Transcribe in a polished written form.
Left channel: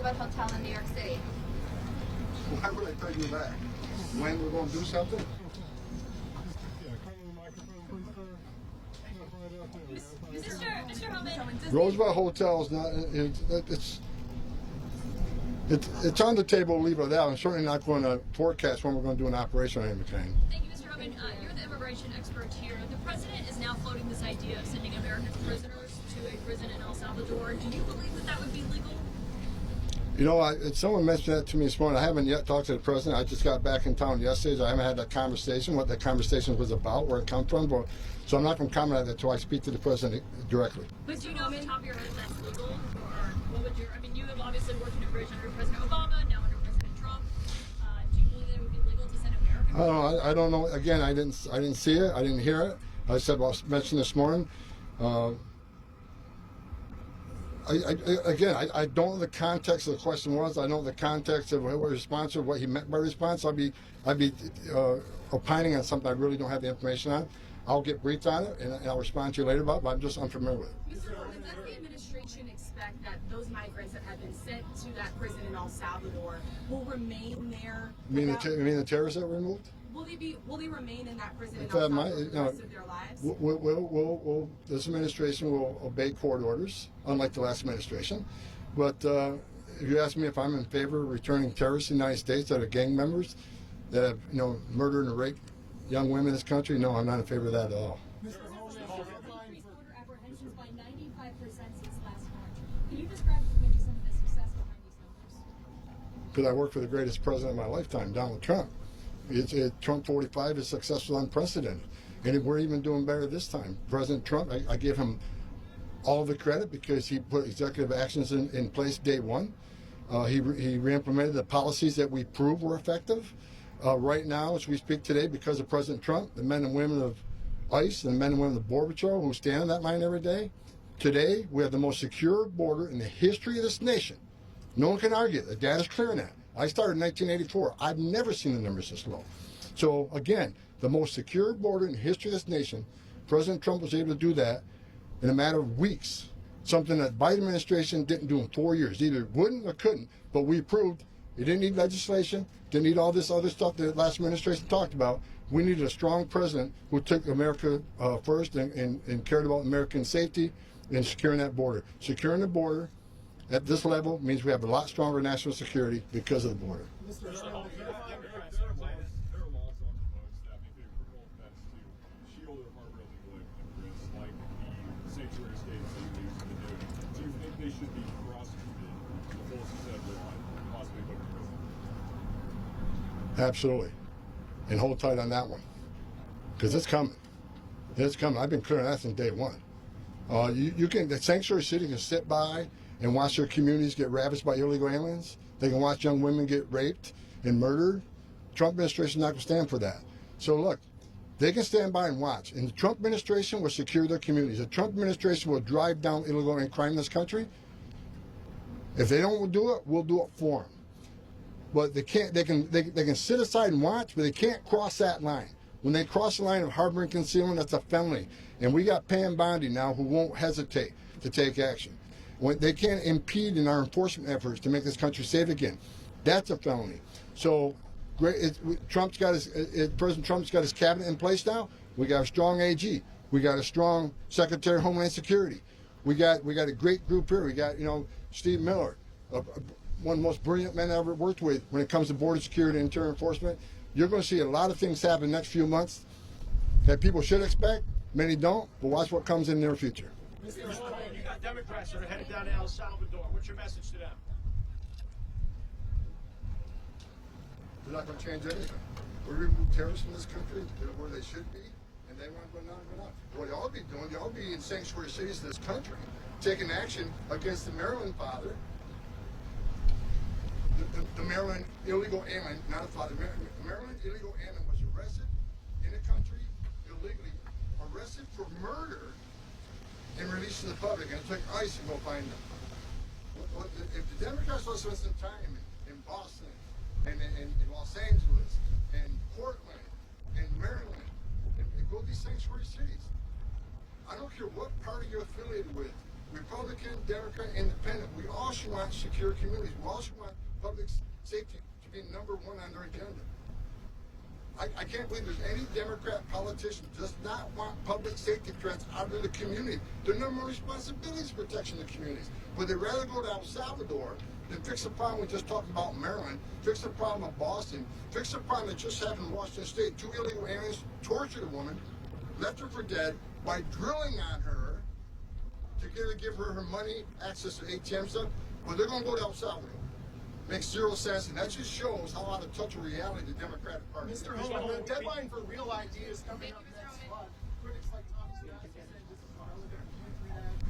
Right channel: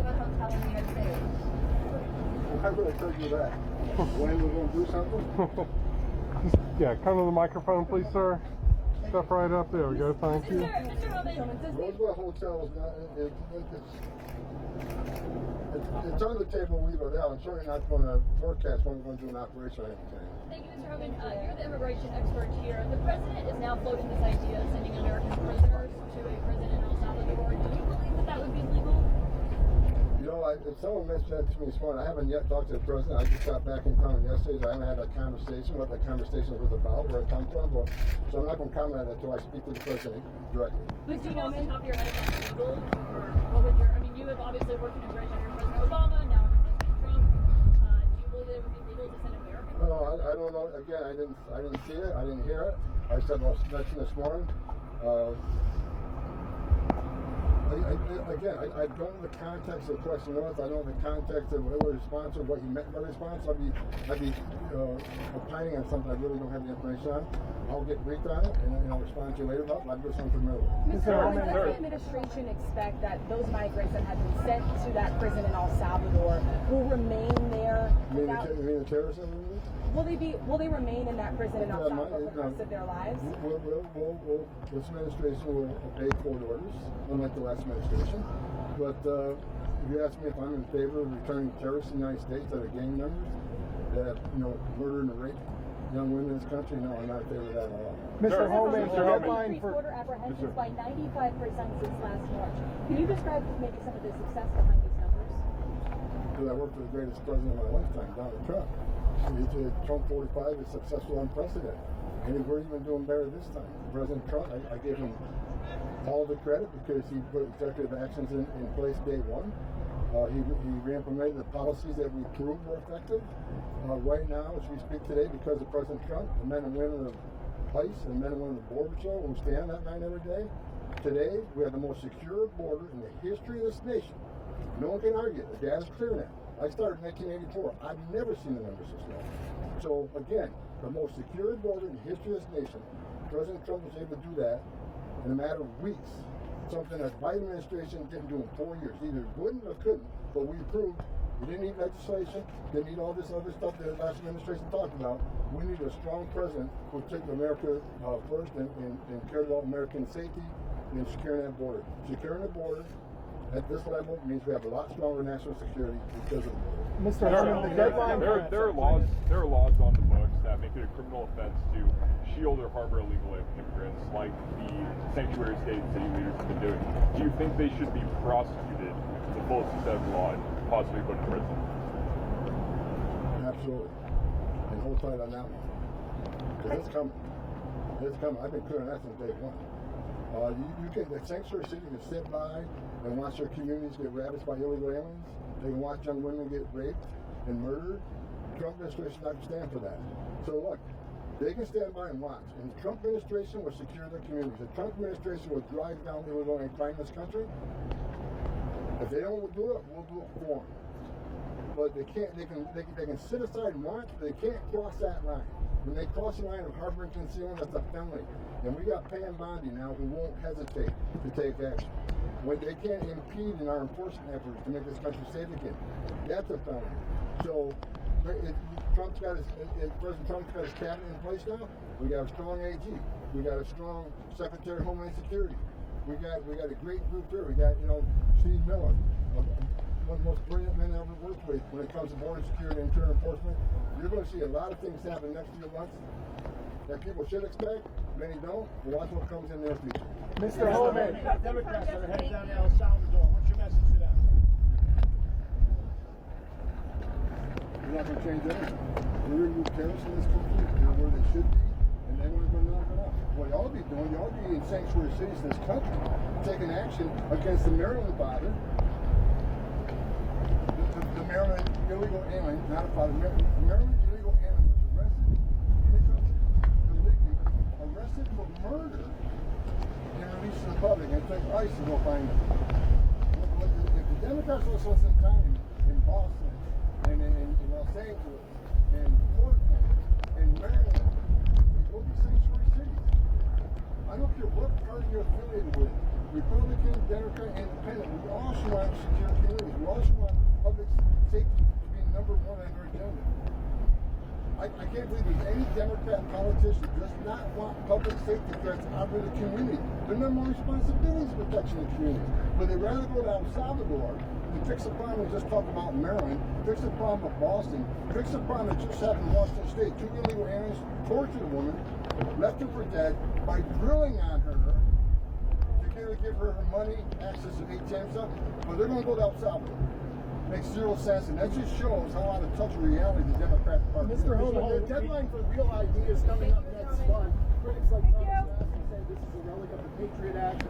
about hotel in New York City? Why would I tell you that? When we're going to do something? Yeah, come to the microphone, please, sir. Step right up. There we go. Thank you. Mr. Homan, Roosevelt Hotel is not. It's on the table. Leave it out. I'm certainly not going to forecast when we're going to do an operation on any kind. Thank you, Mr. Homan. You're the immigration expert here. The president is now floating this idea of sending American prisoners to a prison in El Salvador. Do you believe that that would be legal? You know, someone mentioned that to me this morning. I haven't yet talked to the president. I just got back in town yesterday, so I haven't had that conversation, what that conversation was about, where it come from. So I'm not going to comment on that until I speak to the president directly. But do you know off the top of your head if that's legal? Or what would I mean, you have obviously worked in immigration under President Obama, now under President Trump. Do you believe that it would be legal to send American prisoners? I don't know. Again, I didn't see it. I didn't hear it. I said, I mentioned this morning. I don't know the context of the question was. I don't know the context of what response or what he meant by response. I'd be opining on something I really don't have the information on. I'll get briefed on it and I'll respond to you later about it, but I'm just unfamiliar with it. Mr. Homan, does the administration expect that those migrants that have been sent to that prison in El Salvador will remain there? You mean the terrorists that were removed? Will they remain in that prison in El Salvador for the rest of their lives? This administration will obey court orders, unlike the last administration. But if you ask me if I'm in favor of returning terrorists to the United States that are gang members, that have murdered and raped young women in this country, no, I'm not in favor of that at all. Mr. Homan, the deadline increased for border apprehensions by 95% since last March. Can you describe maybe some of the success behind these numbers? Because I worked for the greatest president of my lifetime, Donald Trump. Trump 45 is successful, unprecedented. And we're even doing better this time. President Trump, I give him all the credit because he put executive actions in place day one. He re-implemented the policies that we proved were effective. Right now, as we speak today, because of President Trump, the men and women of ICE and the men and women of the Border Czar who stand on that line every day, today we have the most secure border in the history of this nation. No one can argue that. The data's clear on that. I started in 1984. I've never seen the numbers this low. So again, the most secure border in the history of this nation, President Trump was able to do that in a matter of weeks. Something that Biden administration didn't do in 4 years. Either wouldn't or couldn't, but we proved it didn't need legislation, didn't need all this other stuff that the last administration talked about. We needed a strong president who took America first and cared about American safety and securing that border. Securing the border at this level means we have a lot stronger national security because of the border. Mr. Homan, the deadline. There are laws on the books that make it a criminal offense to shield or harbor illegal immigrants, like the sanctuary states that you leaders have been doing. Do you think they should be prosecuted to the fullest extent of the law and possibly put in prison? Absolutely. And hold tight on that one. Because it's coming. It's coming. I've been clear on that since day one. The sanctuary city can sit by and watch their communities get ravaged by illegal aliens. They can watch young women get raped and murdered. Trump administration is not going to stand for that. So look, they can stand by and watch. And the Trump administration will secure their communities. The Trump administration will drive down illegal alien crime in this country. If they don't do it, we'll do it for them. But they can't. They can sit aside and watch, but they can't cross that line. When they cross the line of harboring concealment, that's a felony. And we got Pam Bondi now who won't hesitate to take action. They can't impede in our enforcement efforts to make this country safe again. That's a felony. So President Trump's got his cabinet in place now. We got a strong AG. We got a strong Secretary of Homeland Security. We got a great group here. We got Steve Miller, one of the most brilliant men I ever worked with when it comes to border security and interior enforcement. You're going to see a lot of things happen in the next few months that people should expect. Many don't, but watch what comes in their future. Mr. Homan, you got Democrats that are headed down to El Salvador. What's your message to them? We're not going to change anything. We remove terrorists from this country. They're where they should be, and they want to knock it off. What y'all be doing, y'all be in sanctuary cities in this country, taking action against the Maryland father, the Maryland illegal alien, not father. The Maryland illegal alien was arrested in the country illegally, arrested for murder, and released to the public, and it took ICE to go find them. If the Democrats will spend some time in Boston, and in Los Angeles, and Portland, and Maryland, and go to these sanctuary cities, I don't care what party you're affiliated with, Republican, Democrat, Independent, we all should want secure communities. We all should want public safety to be number one on their agenda. I can't believe there's any Democrat politician who does not want public safety threats out of the community. Their number one responsibility is protecting the communities. But they'd rather go to El Salvador than fix the problem we just talked about in Maryland, fix the problem of Boston, fix the problem that just happened in Washington State. 2 illegal aliens tortured a woman, left her for dead by drilling on her to give her her money, access to ATM stuff. But they're going to go to El Salvador. Makes zero sense, and that just shows how out of touch of reality the Democratic Party is. Mr. Homan, the deadline for Real ID is coming up next month. Critics like Thomas Massie say this is a relic of the Patriot Act.